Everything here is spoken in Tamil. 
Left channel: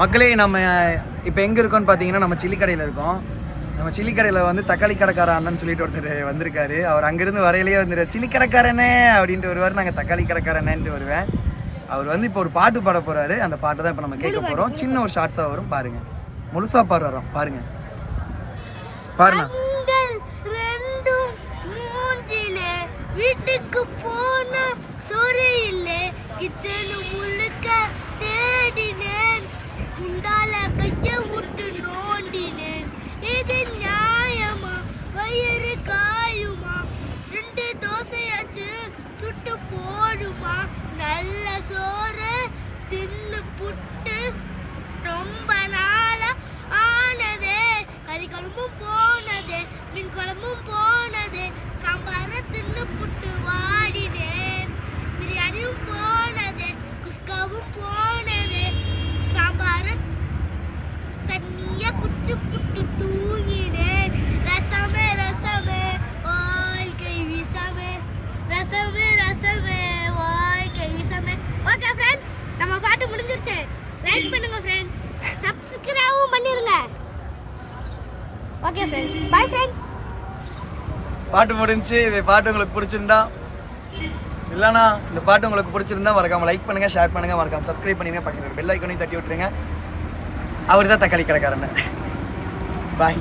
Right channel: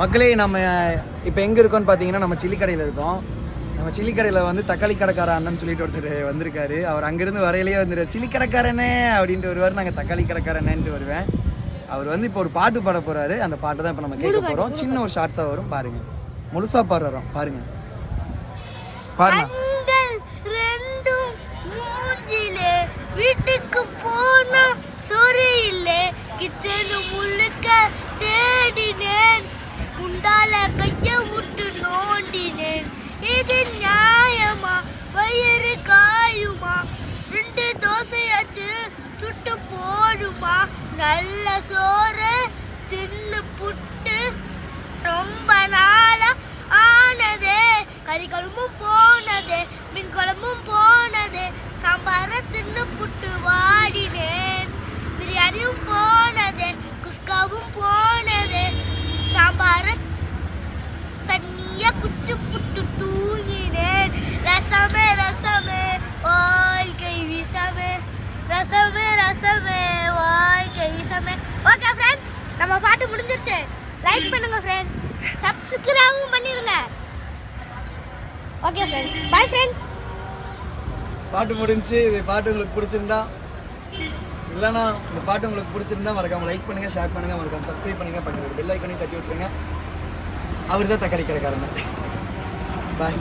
மக்களே நம்ம இப்போ எங்கே இருக்கோம்னு பார்த்தீங்கன்னா நம்ம சில்லி கடையில் இருக்கோம். நம்ம சில்லி கடையில் வந்து தக்காளி கடைக்கார அண்ணன் சொல்லிட்டு ஒருத்தர் வந்திருக்காரு. அவர் அங்கேருந்து வரையிலேயே வந்துரு சில்லி கடைக்காரனே அப்படின்ட்டு வருவார். நாங்கள் தக்காளி கடைக்காரனேன்ட்டு வருவேன். அவர் வந்து இப்போ ஒரு பாட்டு பாட போகிறாரு. அந்த பாட்டை தான் இப்போ நம்ம கேட்க போகிறோம். சின்ன ஒரு ஷார்ட்ஸாக வரும், பாருங்கள். முழுசாக பாடுறோம், பாருங்கள் பாருங்க. வீட்டுக்கு போனா சோறு இல்லை, கிச்சனு முழுக்க தேடினேன், குண்டால கைய விட்டு நோண்டினேன். இது நியாயமா? வயிறு காயுமா? 2 தோசையாச்சு சுட்டு போடுமா? நல்ல சோறு தின்னு புட்டு ரொம்ப நாளா ஆனதே. கறி குழம்பும் போனதே, மீன் குழம்பும் போனதே, சாம்பார தின்னு புட்டு வாடினேன். பிரியாணியும் போனதே, குஸ்காவும் போனதே, சாம்பார தண்ணிய குச்சி புட்டு தூங்கினேன். ரசமே ரசமே வாழ்க்கை விஷமே, ரசமே ரசமே வாழ்க்கை விஷமே. ஓகே ஃப்ரெண்ட்ஸ், நம்ம பாட்டு முடிஞ்சிருச்சு. லைக் பண்ணுங்க ஃப்ரெண்ட்ஸ், சப்ஸ்கிரைபும் பண்ணிருங்க. Okay friends, bye friends. பாட்டு முடிஞ்சு. இது பாட்டு உங்களுக்கு பிடிச்சிருந்தா இல்லைனா இந்த பாட்டு உங்களுக்கு பிடிச்சிருந்தா மறக்காம லைக் பண்ணுங்க, ஷேர் பண்ணுங்க, மறக்காம சப்ஸ்கிரைப் பண்ணுங்க, பக்கத்துல பெல் ஐக்கானையும் தட்டி விட்டுருங்க. அவர் தான் தக்காளி கடைக்காரன். பாய்.